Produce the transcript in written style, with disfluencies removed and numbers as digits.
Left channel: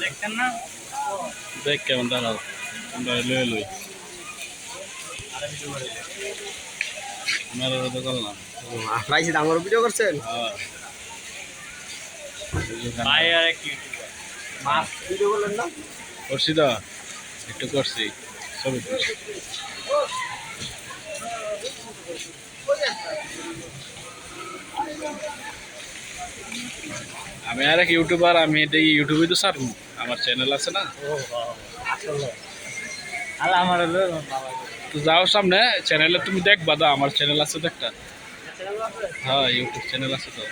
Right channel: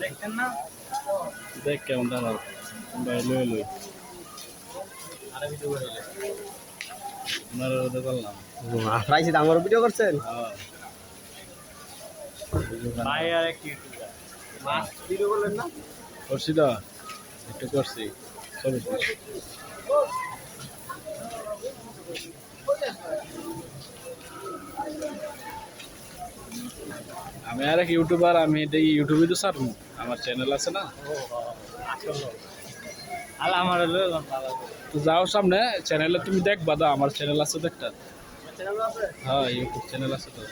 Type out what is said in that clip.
দেখছেন না দেখ কেমন দাঁড়াল আমরা লই লই আমরা তো করলাম রাইছে আমার ভিডিও করছেন ভাই আর কি মাছ ভিডিও করলেন না করছি তো একটু করছি ছবি করছি আমি আর এক ইউটিউবার আমি এটা ইউটিউবে তো ছাড়বো আমার চ্যানেল আছে না আমার হলো তো যাও সামনে চ্যানেলে তুমি দেখবা দা আমার চ্যানেল আছে তো একটা হ্যাঁ ইউটিউব চ্যানেল আছে তো